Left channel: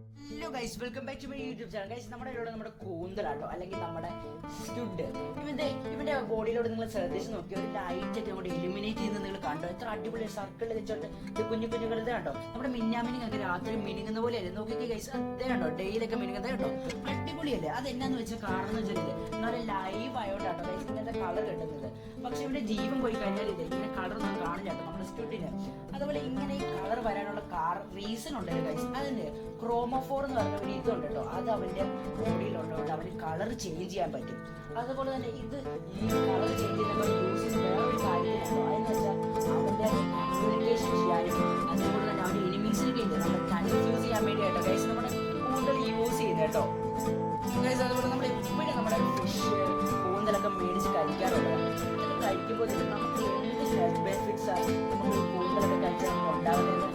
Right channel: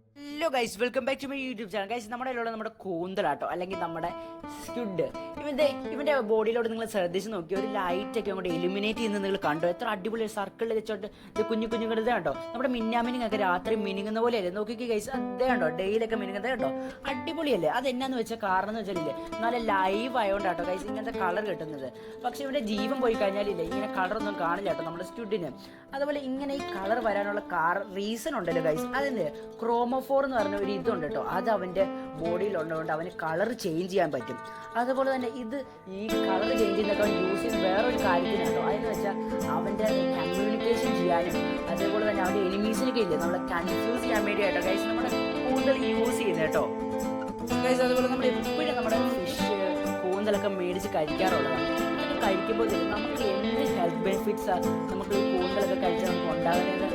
Hello guys welcome back to my YouTube channel guys നമ്മുടെ കയ്യിലുള്ള നമ്മുടെ കൂന്തലാട്ടോ അല്ലെങ്കിൽ നമ്മുടെ സ്കിഡ് ഇവന്റെ ഇവന്റെ ബോഡിയിലോട്ട് നിങ്ങൾ ശ്രദ്ധിച്ച് നോക്കി ഒരു ലൈറ്റ് ഒക്കെ അങ്ങോട്ട് എലിമിനേറ്റ് ചെയ്യുന്നത് നിങ്ങൾ കണ്ടോ? എത്ര അടിപൊളി സർക്കിൾ വെച്ചോട്ട് ഇത് കുഞ്ഞു കുഞ്ഞു വെറുതെ കണ്ടോ? നമ്മുടെ മിന്നാമിനിങ് ഒക്കെ രാത്രി മിനുങ്ങുന്ന പോലെയല്ലേ? നോക്കിക്കേ ഗൈസ് അതേ കണ്ടോ? ഡെയിലൊക്കെ മിനുങ്ങുന്നത് കേട്ടോ അടിപൊളിയല്ലേ? അത് എന്നാന്ന് വെച്ചാൽ കാരണം എന്ന് വെച്ചാൽ നല്ല ലൈവ് ആയതുകൊണ്ടാട്ടോ ഗൈസ് ഇങ്ങനത്തെ കളർ കിട്ടുന്നത്. പക്ഷെ ഇവിടെ ജീവൻ പോയി കഴിഞ്ഞാലില്ലേ ഇങ്ങനെ കളർ ഒന്നും കാണില്ല കേട്ടോ നമ്മുടെ സ്റ്റുഡിന് അതുപോലെ ഇങ്ങനെ ഈ കളർ വരാനുള്ള കാർ റീസൺ ഉണ്ടല്ലോ ഗൈസ് അതിന്റെ ക്രോമോഫോർ എന്ന് പറഞ്ഞ ഒരു ഇതുണ്ട് കേട്ടോ. അത് അവന്റെ ബോഡിയിൽ ഉള്ളതുകൊണ്ട് അവന് കളർ ചേഞ്ച് ചെയ്യാൻ പറ്റും. അതുപോലെ തന്നെ ഇത് ഈ കളർ ചേഞ്ച് ചെയ്യുന്നതൊക്കെ യൂസ് ചെയ്യുന്ന വേറൊരു കാര്യത്തിനുണ്ടോ? അതെന്ന് വെച്ചാൽ അവന്റെ കമ്മ്യൂണിക്കേഷൻ ചെയ്യാനും അതുപോലെ തന്നെ അവന്റെ എനിമീസിനൊക്കെ ഇല്ല നമ്മളെ കൺഫ്യൂസ് ചെയ്യാൻ വേണ്ടിയായിട്ടോ ഗൈസ് നമ്മൾ കൂടുതൽ യൂസ് ചെയ്യുന്നത് കേട്ടോ. ഗൈസ് അതുപോലെ നമ്മൾ എപ്പോഴും നമ്മുടെ ഫിഷ് കൂന്തലൊക്കെ മേടിച്ച് കഴിക്കാറുള്ളതാണ്. കഴിക്കുമ്പോൾ നമുക്ക് എന്ത് ഹെൽത്ത് ബെനിഫിറ്റ്സാണ് നമുക്ക് കൂന്തലൊക്കെ കഴിച്ചാൽ ഉണ്ടാവുന്നത്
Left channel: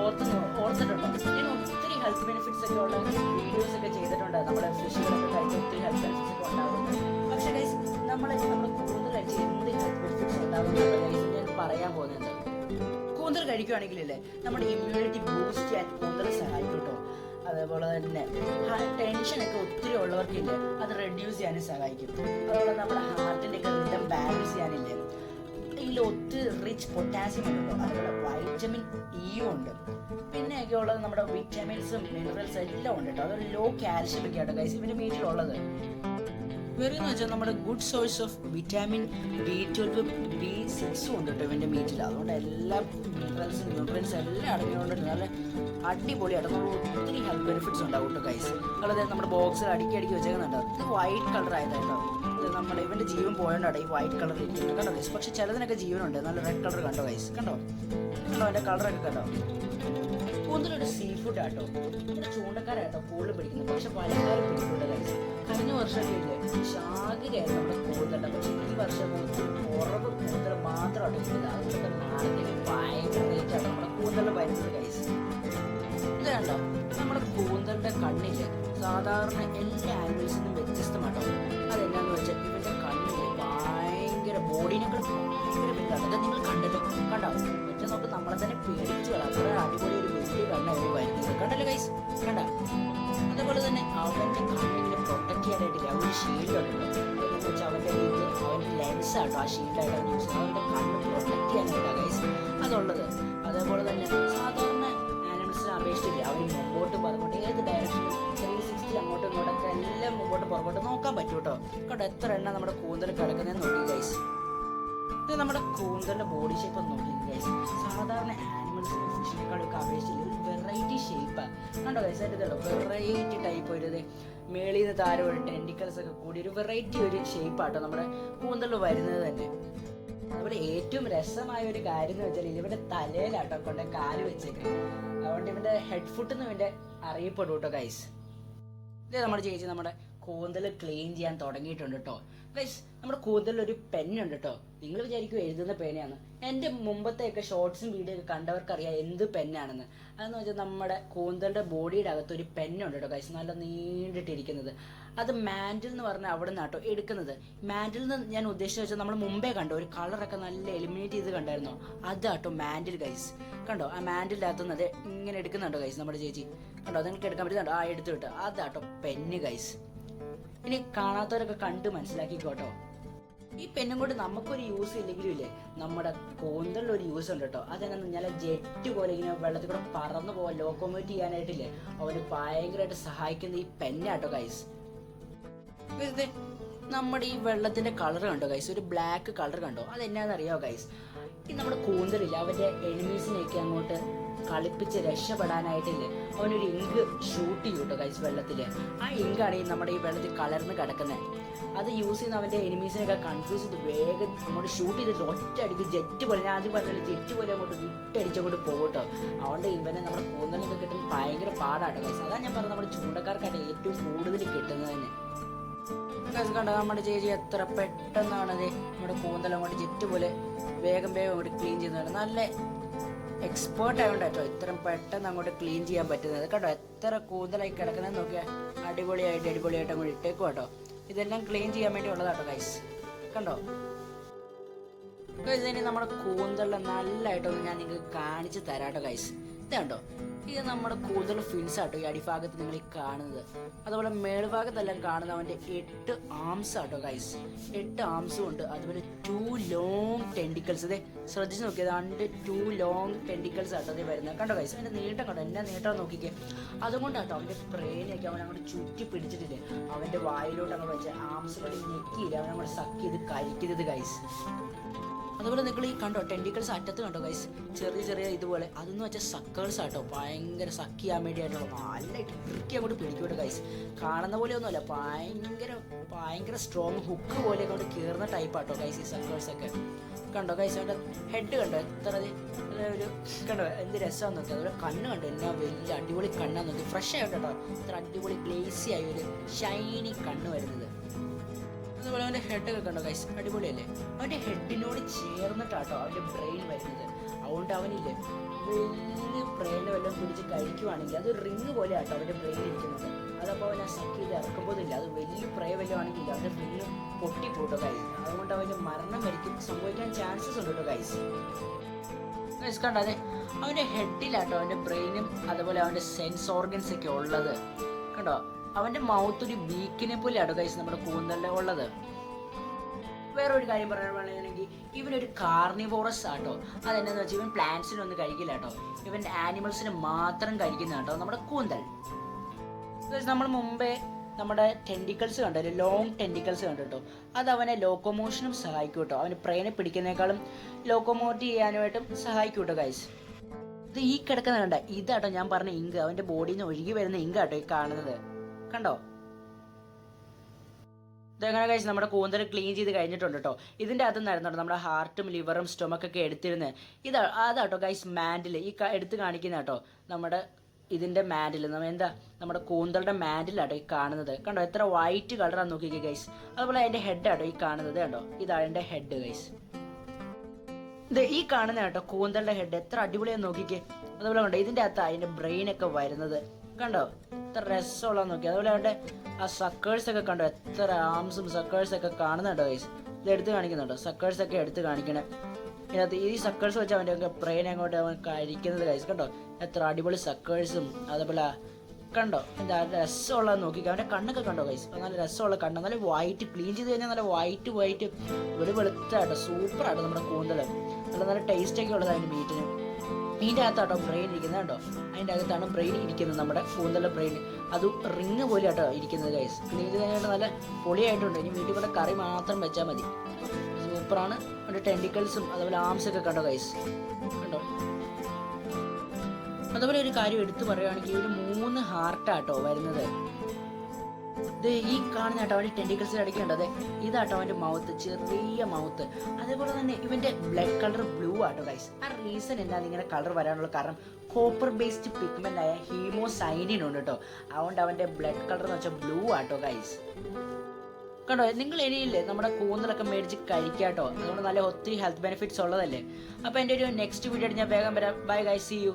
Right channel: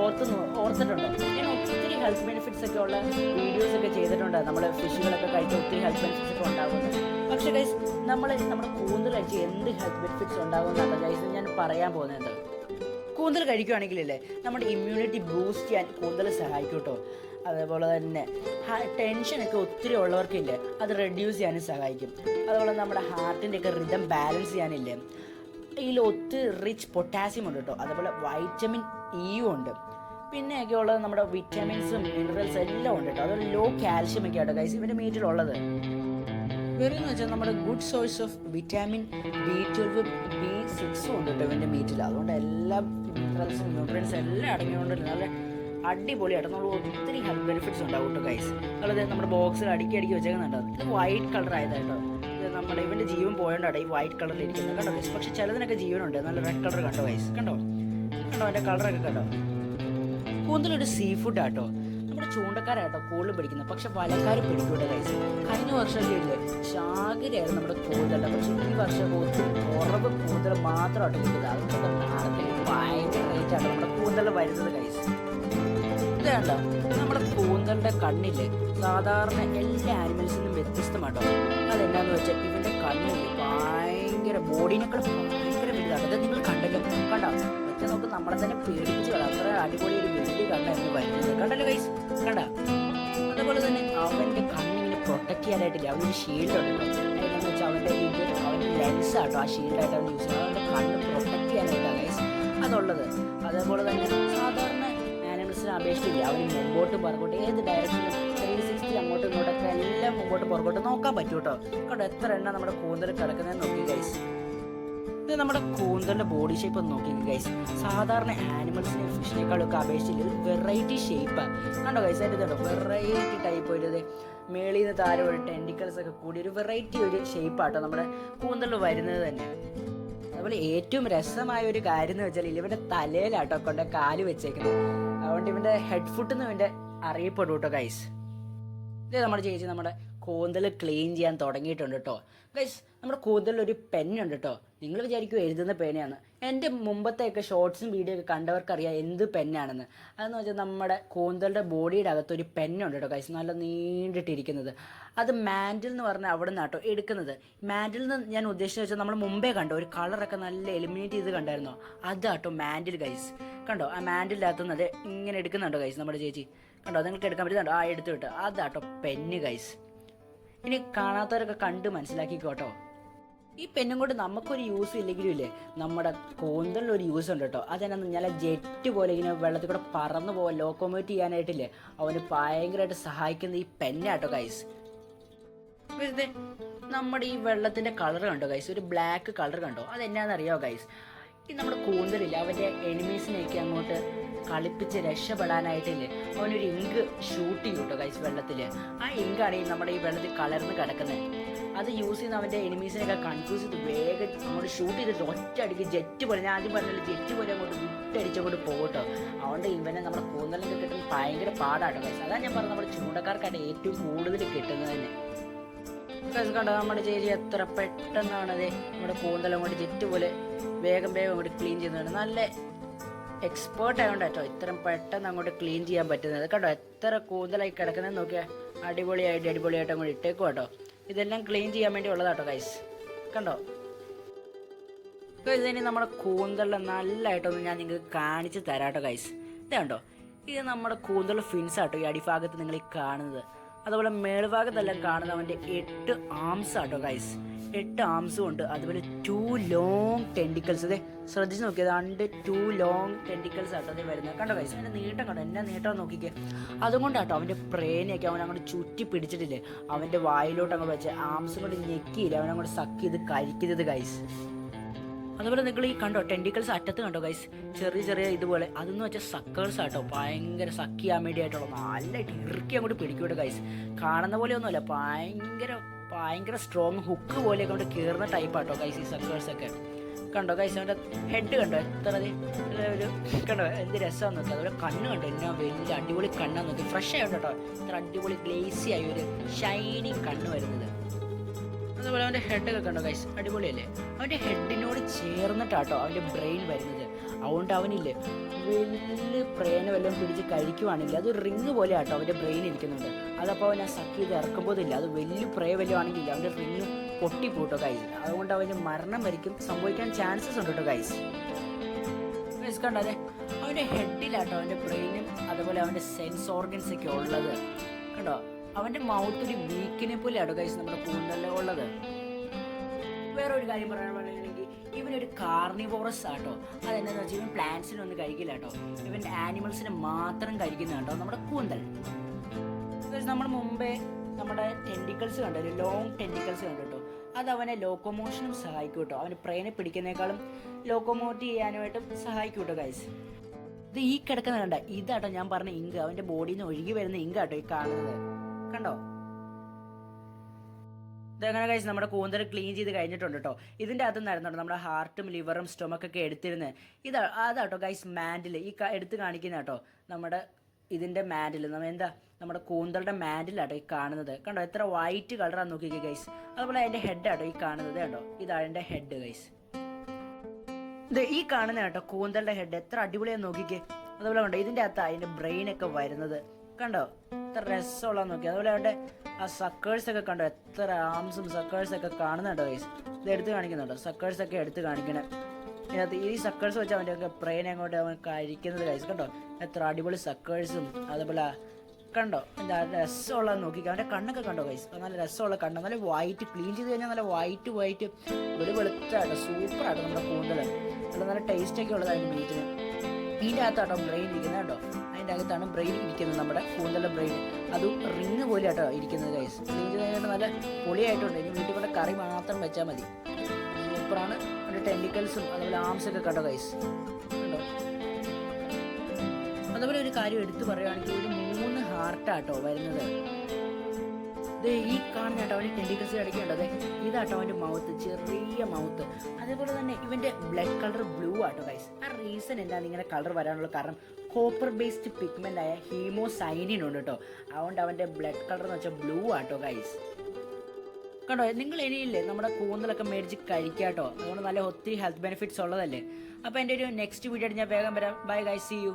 ഓർത്ത് ഓർത്തിട്ടുണ്ടോ. ഹെൽത്ത് ബെനിഫിറ്റ്സ് ഒക്കെ ഉള്ള വീഡിയോസ് ഒക്കെ ചെയ്തിട്ടുണ്ട്. നമ്മൾ ഫിഷുകളൊക്കെ കഴിക്കാൻ ഒത്തിരി ഹെൽത്ത് ബെനിഫിറ്റ്സ് ഒക്കെ പക്ഷേ ഗൈസ് നമ്മൾ നമ്മൾ കഴിച്ച് എന്ത് ഹെൽത്ത് ബെനിഫിറ്റ്സ് ഉണ്ടാകുന്നുണ്ട് ഗൈസ് ഞാൻ പറയാൻ പോകുന്നത് കൂന്തൽ കഴിക്കുകയാണെങ്കിലല്ലേ നമ്മുടെ ഇമ്മ്യൂണിറ്റി ബൂസ്റ്റ് ചെയ്യാൻ കൂന്തൽ സഹായിക്കും കേട്ടോ. അതേപോലെ തന്നെ ടെൻഷനൊക്കെ ഒത്തിരി ഉള്ളവർക്കില്ലേ അത് റെഡ്യൂസ് ചെയ്യാനും സഹായിക്കും. അതുപോലെ നമ്മുടെ ഹാർട്ടിന്റെ ഒക്കെ റിതം ബാലൻസ് ചെയ്യാനില്ലേ. ഇതിൽ ഒത്തിരി റിച്ച് പൊട്ടാസ്യം ഉണ്ട് കേട്ടോ. അതുപോലെ വൈറ്റമിൻ ഇയും ഉണ്ട്. പിന്നെയൊക്കെ ഉള്ളത് നമ്മുടെ വിറ്റാമിൻസും മിനറൽസ് എല്ലാം ഉണ്ട് കേട്ടോ. അതുപോലെ ലോ കാൽഷ്യം ഒക്കെ ആട്ടോ ഗൈസ് ഇവന്റെ മീറ്റിലുള്ളത്. വെറുതെന്ന് വെച്ചാൽ നമ്മുടെ good source of vitamin B twelve B സിക്സും ഉണ്ട് കേട്ടോ ഇതിന്റെ മീറ്റിൽ അതുകൊണ്ട് എല്ലാ മിനറൽസും ന്യൂട്രിയൻസും എല്ലാം അടങ്ങിയതുകൊണ്ട് നല്ല അടിപൊളിയായിട്ട് നമ്മൾ ഒത്തിരി ഹെൽത്ത് ബെനിഫിറ്റ്സ് ഉണ്ടാവും കേട്ടോ ഗൈസ് അതായത് നമ്മുടെ ബോക്സിൽ അടുക്കി അടുക്കി വെച്ചേക്കുന്നുണ്ട്. ഇത് വൈറ്റ് കളർ ആയതായിട്ടോ നമ്മുടെ ഇവന്റെ ജീവൻ പോയോണ്ടാണ് ഈ വൈറ്റ് കളർ ഇരിക്കുന്നത് കണ്ടോ ഗൈസ് പക്ഷെ ചിലതിനൊക്കെ ജീവനുണ്ട്. നല്ല റെഡ് കളർ കണ്ടോ ഗൈസ് കണ്ടോ? കണ്ടോ അതിന്റെ കളറൊക്കെ കണ്ടോ? കൂന്തലൊരു സീ ഫുഡ് ആട്ടോ. ഇവിടെ ചൂണ്ടക്കാരാട്ടോ കൂടുതൽ പിടിക്കുന്നത്. പക്ഷെ വലക്കാർ പിടിക്കൂല ഗൈസ് കഴിഞ്ഞ വർഷമൊക്കെ ചാകരയായിരുന്നു നമ്മുടെ കൂടുതൽ പക്ഷെ ഈ വർഷം കുറവ് കൂന്തൽ മാത്രമായിട്ട് റേറ്റാണ് നമ്മുടെ കൂന്തലിന്റെ കണ്ണിൽ സാധാരണ എല്ലാ ആനിമൽസിനും വ്യത്യസ്തമാട്ടോ. അതെന്താന്ന് വെച്ചാൽ ഇവന്റെ കണ്ണിൽ ഭയങ്കര ബോഡിനേക്കാൾ ഭയങ്കര നിങ്ങൾ കണ്ടോ? ഒറ്റ നോക്ക് നമ്മളെ തന്നെ പേടിച്ച് അത്ര അടിപൊളി ഒരു വലിയ കണ്ണായിരുന്നു വരുന്നത് കണ്ടല്ലോ ഗൈസ് കണ്ട? അതുപോലെ തന്നെ അവന്റെ കണ്ണിങ്ങനെ പ്രൊട്ടക്ട് ചെയ്യാനായിട്ടില്ല. ഒരു ഷീൽഡ് ഉണ്ട് അവന്റെ ഇത് അവന്റെ ലെൻസ് ആട്ടോ ആ ഷീൽഡായിട്ട് അവൻ യൂസ് ചെയ്യുന്നത്. അവന്റെ കണ്ണ് പ്രൊട്ടക്ട് ചെയ്യാനായിട്ടാണ് ഗൈസ് അതുള്ളത്. അതേപോലെ തന്നെ സാധാരണ ആനിമൽസിനെ അപേക്ഷിച്ചില്ല അവർ മുമ്പോട്ട് പറഞ്ഞോട്ട്. ഏത് ഡയറക്ഷനും ത്രീ സിക്സ്റ്റി അങ്ങോട്ടും ഇങ്ങോട്ടൊക്കെ എല്ലാം മുമ്പോട്ട് പുറകോട്ട് നോക്കാൻ പറ്റൂട്ടോ. കേട്ടോ എത്ര എണ്ണം നമ്മുടെ കൂന്തൽ കിടക്കുന്നതെന്ന് നോക്കി ഗൈസ് ഇത് നമ്മുടെ കൂന്തലിന്റെ ബോഡി ഷേപ്പ് ഒന്ന് നോക്കി ഗൈസ് സാധാരണ ആനിമൽസിനെ ഫിഷിനേക്കാളൊക്കെ അപേക്ഷിച്ച് ഒരു വെറൈറ്റി ഷേപ്പ് കണ്ടോ ഗൈസ് അതിന്റെ വെറൈറ്റി ടൈപ്പ് ഒരു മേളിൽ നിന്ന് താരം ഒരു ടെൻഡിക്കൽസ് ഒക്കെ കൂടി ഒരു വെറൈറ്റി ഒരു ഷേപ്പാട്ടോ നമ്മുടെ കൂന്തലിൽ വരുന്നത് തന്നെ. അതുപോലെ ഏറ്റവും രസമായ ഒരു കാര്യം എന്ന് വെച്ചാൽ ഇവന്റെ തലയിലാട്ടോ കൊണ്ട് കാൽ വെച്ചേക്കുന്നത് അതുകൊണ്ട് ഇവന്റെ ഹെഡ് ഫുട്ട് എന്ന് ഇവന്റെ അറിയപ്പെടും കേട്ടോ ഗൈസ് ഇത് നമ്മുടെ ചേച്ചി നമ്മുടെ കൂന്തൽ ക്ലീൻ ചെയ്യാൻ തുടങ്ങിയിട്ടുണ്ട് കേട്ടോ ഗൈസ് നമ്മുടെ കൂന്തലിൽ ഒരു പെന്നുണ്ട് കേട്ടോ നിങ്ങൾ വിചാരിക്കും എഴുതുന്ന പേനയാണ്. എന്റെ മുമ്പത്തെയൊക്കെ ഷോർട്സും വീഡിയോ ഒക്കെ കണ്ടവർക്കറിയാം എന്ത് പെന്നാണെന്ന്. അതെന്ന് വെച്ചാൽ നമ്മുടെ കൂന്തലിന്റെ ബോഡിയുടെ അകത്ത് ഒരു പെന്നുണ്ട് കേട്ടോ ഗൈസ് നല്ല നീണ്ടിട്ടിരിക്കുന്നത്. അത് മാൻഡിൽ എന്ന് പറഞ്ഞാൽ അവിടെ നിന്നാട്ടോ എടുക്കുന്നത്. മാൻഡിൽ നിന്ന് ഞാൻ ഉദ്ദേശിച്ച വെച്ചാൽ നമ്മൾ മുമ്പേ കണ്ടോ ഒരു കളറൊക്കെ നല്ല എലിമിനേറ്റ് ചെയ്ത് കണ്ടായിരുന്നോ? അതാട്ടോ മാൻഡിൽ ഗൈസ് കണ്ടോ? ആ മാൻഡിന്റെ അകത്തുനിന്ന് അത് ഇങ്ങനെ എടുക്കുന്നുണ്ടോ ഗൈസ് നമ്മുടെ ചേച്ചി. കണ്ടോ? നിങ്ങൾക്ക് എടുക്കാൻ പറ്റുന്നുണ്ടോ? ആ എടുത്തു വിട്ടോ. അതാട്ടോ പെന്ന് ഗൈസ് ഇനി കാണാത്തവരൊക്കെ കണ്ട് മനസ്സിലാക്കിക്കോട്ടോ. ഈ പെണ്ണും കൊണ്ട് നമുക്കൊരു യൂസ് ഇല്ലെങ്കിലും ഇല്ലേ നമ്മുടെ കൂന്തലിൽ ഒരു യൂസ് ഉണ്ട് കേട്ടോ. അതെന്നു ഞാൻ ജെറ്റ് പോലെ ഇങ്ങനെ വെള്ളത്തിൽ കൂടെ പറന്നു പോകാൻ ലോക്കോമോറ്റ് ചെയ്യാനായിട്ടില്ലേ അവന് ഭയങ്കരമായിട്ട് സഹായിക്കുന്ന ഈ പെന്നാട്ടോ ഗൈസ് നമ്മുടെ ഈ വെള്ളത്തിന്റെ കളർ കണ്ടോ ഗൈസ് ഒരു ബ്ലാക്ക് കളർ കണ്ടോ? അതെന്നാന്ന് അറിയാമോ ഗൈസ് ഈ നമ്മുടെ കൂന്തലില്ല അവന്റെ എനിമീസിനെയൊക്കെ അങ്ങോട്ട് കളിപ്പിച്ച് രക്ഷപ്പെടാനായിട്ടില്ലേ? അവനൊരു ഇങ്ക് ഷൂട്ട് ചെയ്യും കേട്ടോ കൈസ് വെള്ളത്തിൽ ആ ഇങ്കാണ് ഈ നമ്മുടെ ഈ വെള്ളത്തിൽ കലർന്ന് കിടക്കുന്നത് അത് യൂസ് ചെയ്യുന്ന അവന്റെ എനിമീസിനെയൊക്കെ കൺഫ്യൂസ് ചെയ്ത് വേഗം അങ്ങോട്ട് ഷൂട്ട് ചെയ്തിട്ട് ഒറ്റ അടിക്ക് ജെറ്റ് പോലെ ഞാൻ ആദ്യം പറഞ്ഞാൽ ജെറ്റ് പോലെ അങ്ങോട്ട് വിട്ടടിച്ചങ്ങോട്ട് പോകട്ടോ. അതുകൊണ്ട് ഇവനെ നമ്മുടെ കൂന്തലിനൊക്കെ കിട്ടുന്ന ഭയങ്കര പാടാട്ടോ ഗൈസ് അതാണ് ഞാൻ പറഞ്ഞത് നമ്മുടെ ചൂണ്ടക്കാർക്കായിട്ട് ഏറ്റവും കൂടുതൽ കിട്ടുന്നത് തന്നെ. കണ്ടോ? നമ്മുടെ ചേച്ചി എത്ര പെട്ടെന്നാണത് നമ്മുടെ കൂന്തലം കൊണ്ട് ജെറ്റ് പോലെ വേഗം വേഗം അങ്ങോട്ട് ക്ലീൻ ചെയ്യുന്നതാണ്. നല്ല എക്സ്പേർട്ട് ആയതുകൊണ്ട് കേട്ടോ ഇത്രയും പെട്ടെന്ന് അങ്ങോട്ട് ക്ലീൻ ചെയ്യാൻ പറ്റുന്നത്. കേട്ടോ എത്ര കൂടുതലായി കിടക്കുന്നത് നോക്കിയാൽ അടിപൊളിയായിട്ട് അടിപൊളിയായിട്ട് അങ്ങോട്ട് ഇട്ടേക്കും കേട്ടോ ഇതെല്ലാം ക്ലീൻ ചെയ്യാൻ വേണ്ടി ഉള്ളതാട്ടോ ഗൈസ് കണ്ടോ? ഇനി നമ്മുടെ കൂന്തലിൽ നല്ലതായിട്ടൊന്ന് ഞാൻ നിങ്ങൾക്ക് കാണിച്ച് തരാട്ടോ ഗൈസ് കണ്ടോ? ഇത് നമ്മുടെ കൂടുതൽ ഫിൻസ് ആട്ടോ ഈ അടിഭാഗത്ത് നിങ്ങൾ ഈ കാണുന്നത്. അതുപോലെ മേൽഭാഗത്തെല്ലാം കാണുന്നത് അവന്റെ എട്ട് ആംസ് ആട്ടോ ഗൈസ് എട്ട് ആംസും ഉണ്ട്. അതുപോലെ ടു ലോങ് ടെൻഡിക്കൽസ് അതെ ശ്രദ്ധിച്ച് നോക്കിയത് രണ്ട് ടു ലോങ് ടെൻഡിക്കൽസ് ആട്ടോ അത് വരുന്നത്. കണ്ടോ ഗൈസ് അതിന്റെ നീട്ടം കണ്ടോ? എന്നാ നീട്ടം നോക്കിക്കേ. അതുകൊണ്ടാട്ടോ അവന്റെ പ്രേനയൊക്കെ അവൻ അങ്ങോട്ട് ചുറ്റി പിടിച്ചിട്ടില്ലേ? അവന്റെ വായിലോട്ട് അങ്ങ് വെച്ച് ആംസ് കൂടി ഞെക്കിയില്ല? അവൻ അങ്ങോട്ട് സക്ക് ചെയ്ത് കരിക്കരുത് ഗൈസ് അതുപോലെ നിങ്ങൾ ഈ കണ്ടോ ടെൻഡിക്കൽസ് അറ്റത്ത് കണ്ടോ ഗൈസ് ചെറിയ ചെറിയ ഇതുപോലെ. അതെന്ന് വെച്ചാൽ സക്കേഴ്സ് ആട്ടോ. ഭയങ്കര സക്ക് ചെയ്യാൻ വേണ്ടി ആയിട്ടോ നല്ല ഇറുക്കി അങ്ങോട്ട് പിടിക്കൂട്ടോ ഗൈസ് കാണുന്ന പോലെ ഒന്നുമല്ല ഭയങ്കര ഭയങ്കര സ്ട്രോങ് ഹുക്ക് പോലെ അങ്ങോട്ട് കയറുന്ന ടൈപ്പ് ആട്ടോ ഗൈസ് ഈ സക്കേഴ്സ് ഒക്കെ. കണ്ടോ ഗൈസ് അവന്റെ ഹെഡ് കണ്ടോ? എത്ര ഒരു കണ്ടോ? എന്ത് രസമാണെന്ന് നോക്കുക അതുപോലെ കണ്ണ് കണ്ടോ? എന്നാ വലിയ അടിപൊളി കണ്ണാന്ന് നോക്കി. ഫ്രഷ് ആയിട്ട് ഇത്ര അടിപൊളി ഗ്ലേസി ആയി ഒരു ഷൈനി കണ്ണ് വരുന്നത്. അവന്റെ ഹെഡൊക്കെ കണ്ടോ ഗൈസ് അടിപൊളിയല്ലേ? അവന്റെ ഹെഡിനോട് ചേർന്നിട്ടാട്ടോ അവന്റെ ബ്രെയിൻ വരുന്നത്. അതുകൊണ്ട് അവനില്ലേ വലിയ പ്രേന വല്ലതും പിടിച്ച് കഴിക്കുവാണെങ്കിൽ അത് റിങ് പോലെ ആട്ടോ അവന്റെ ബ്രെയിൻ ഇരിക്കുന്നുണ്ട് അതപ്പോൾ അവനെ സക്ക് ചെയ്ത് ഇറക്കുമ്പോഴില്ല അത് വലിയ പ്രേ വല്ലതും ആണെങ്കിൽ അവന്റെ റിങ് പൊട്ടിപ്പോട്ടോ കൈ അതുകൊണ്ട് അവന് മരണം വരിക്കും സംഭവിക്കാൻ ചാൻസസ് ഉണ്ട് കേട്ടോ ഗൈസ് ഗൈസ് കണ്ടോ അവന്റെ ഹെഡിലാട്ടോ അവന്റെ ബ്രെയിനും അതുപോലെ അവന്റെ സെൻസ് ഓർഗൻസ് ഒക്കെ ഉള്ളത്. കണ്ടോ? അവന്റെ മൗത്ത് ഒരു വീക്കിനെ പോലെയാട്ടോ ഗൈസ് നമ്മുടെ കൂന്തലിൽ ഉള്ളത് വേറെ ഒരു കാര്യം പറയുകയാണെങ്കിൽ ഇവനൊരു കാർണിവോറസ് ആട്ടോ. അതെന്താണെന്ന് വെച്ചാൽ ഇവൻ പ്ലാന്റ്സിനൊന്നും കഴിക്കില്ല കേട്ടോ. ഇവൻ ആനിമൽസിനെ മാത്രം കഴിക്കുന്ന കേട്ടോ നമ്മുടെ കൂന്തൽ. നമ്മൾ മുമ്പേ നമ്മുടെ ടെൻഡിക്കൽസ് കണ്ടു? ലോങ് ടെൻഡിക്കൽസ് കണ്ടു കേട്ടോ അത് അവനെ ലോക്കോമോഷനും സഹായിക്കും കേട്ടോ അവന് പ്രേനെ പിടിക്കുന്നേക്കാളും ലോക്കോമോട്ട് ചെയ്യാനുമായിട്ടും സഹായിക്കും കേട്ടോ ഗൈസ് ഇത് ഈ കിടക്കുന്ന കണ്ട ഇതാട്ടോ ഞാൻ പറഞ്ഞ ഇങ്ക്. അവന്റെ ബോഡിയിൽ നിന്ന് ഒഴുകി വരുന്ന ഇങ്ക് ആട്ടോ ഈ കാണുന്നത്. കണ്ടോ? ഇതെങ്ങനെ കഴിച്ച് നമ്മുടെ കൂന്തൽ ക്ലീൻ ചെയ്ത് കഴിഞ്ഞിട്ടുണ്ട് കേട്ടോ ഇതിന്റെ അകത്ത് നിന്നായിരുന്നു നമ്മുടെ ഹാർട്ടും ലിവറും സ്റ്റൊമക്കൊക്കെ എടുത്തിരുന്നത് ഇതാ അതാട്ടോ ഗൈസ് മാൻഡിൽ ഈ എടുത്ത് കാണിക്കുന്ന കേട്ടോ നമ്മുടെ ഇതിന്റെ മാൻഡിൽ നമ്മൾ എന്താ? നമ്മുടെ കൂന്തളുടെ മാൻഡിലാട്ടോ ഈ കാണുന്നത്. കണ്ടോ? എത്ര വൈറ്റ് കളറാണ് നോക്കിക്കേ ഗൈസ് അതുപോലെ അതിന്റെ ഹെഡാട്ടോ ഈ കാണുന്നത് കണ്ടോ? ഇതാണ് എന്റെ ഹെഡ് ഗൈസ് ഇത് ഈ കാണുന്ന കേട്ടോ കൂന്തലിന്റെ ഹെഡ് എത്ര അടിപൊളിയാണ് നോക്കിക്കേ. അതുപോലെ കണ്ടോ? ഇതിന്റെ അകത്ത് അതിന്റെ ബ്രെയിൻ ഒക്കെ വരുന്നത്. കണ്ടോ? എത്ര രസമുള്ള നോക്കി അതുപോലെ അവന്റെ ആ സക്കേഴ്സ് ഒക്കെ കണ്ടോ? എത്ര ആംസും സക്കേഴ്സ് ഒക്കെ കാണുന്നുണ്ടോ guys? ഇത് എടുത്ത് കാണിക്കുന്നുണ്ടോ? സക്കേഴ്സ് ഒക്കെ എടുത്ത് കാണിക്കണേ. ഇതിനകത്ത് ഈ സക്കേഴ്സ് വെച്ച് അവന്റെ ഒക്കെ ബ്രെയിൻ അങ്ങോട്ട് അവൻ കഴിക്കുന്നത് വൈസ് കണ്ടോ? എത്ര അടിപൊളി സക്കേഴ്സും അതേപോലെ കണ്ടോ? എന്താ രസമുള്ള നോക്കി അവന്റെ കണ്ണൊക്കെ കണ്ടോ ഗൈസ് നല്ല രസമുള്ള കണ്ണ്. നല്ല വൈറ്റ് ക്ലീൻ ചെയ്ത് കഴിഞ്ഞാൽ നല്ല വൈറ്റ് വൈറ്റ് വെളി വെളുത്താട്ടോ. ആട്ടോ നമ്മുടെ കൂന്തൽ. നല്ല നല്ല ടേസ്റ്റൊക്കെ ഉള്ളതാണ് ഉള്ളത് അതിന്റെ മീറ്റിന് ഇതിന്റെ അകത്താട്ടോ ബ്രെയിൻ ഇരിക്കുന്നത് കേട്ടോ അതിന്റെ അകത്താണ് ബ്രെയിൻ ഇരിക്കുന്നത് നമ്മുടെ കൂന്തല ബ്രെയിൻ അത് റിങ് പോലെ ആട്ടോ ഇരിക്കുന്നത് ഗൈസ് ഇത് കഴിഞ്ഞിട്ട് നല്ല പൊളിയായിട്ടുണ്ട്. ഇനി വീട്ടിൽ കൂടെ കറി മാത്രം വെച്ചാൽ മതി. സൂപ്പറാണ്. അതിന്റെ ടെൻഡിക്കൽസും അതുപോലെ ആംസ് ഒക്കെ കണ്ടോ ഗൈസ് കണ്ടോ? അതുപോലെ ഒരു കാര്യം എടുത്തു പറയുകയാണെങ്കിൽ ഒരു മൂന്ന് ഹാർട്ടാട്ടോ വരുന്നത്. ഇത് ഈ കാണുന്ന കേട്ടോ അവന്റെ ടെൻഡിക്കൽസ് അടിക്കുന്നുണ്ട് അതെ ഇതാട്ടോ അവന്റെ മൗത്ത് ചെറിയ മൗത്ത് അതേപോലെ തന്നെ ഇവന്റെ ബ്ലഡ് കളർ ബ്ലൂ ആട്ടോ ഗൈസ് ആ റീസൺ എന്താണ് ഇങ്ങനെ കളർ വരാനുള്ള കാരണം? കോപ്പർ ബേസ്ഡ് പിഗ്മെന്റ് ആയ ഹീമോസൈനിൻ ഉണ്ട് കേട്ടോ അതുകൊണ്ട് അവന്റെ ബ്ലഡ് കളർ എന്ന് വെച്ചാൽ ബ്ലൂ ആട്ടോ ഗൈസ് കണ്ടോ നിങ്ങൾ ഇനിയില്ലേ നമ്മുടെ കൂന്തലൊക്കെ മേടിച്ച് കഴിക്കാട്ടോ അതുകൊണ്ട് നല്ല ഒത്തിരി ഹെൽത്ത് ബെനിഫിറ്റ്സ് ഉള്ളതല്ലേ. അപ്പോൾ എന്റെ ഒരു നെക്സ്റ്റ് വീഡിയോ ഞാൻ വേഗം വരാം. Bye guys C U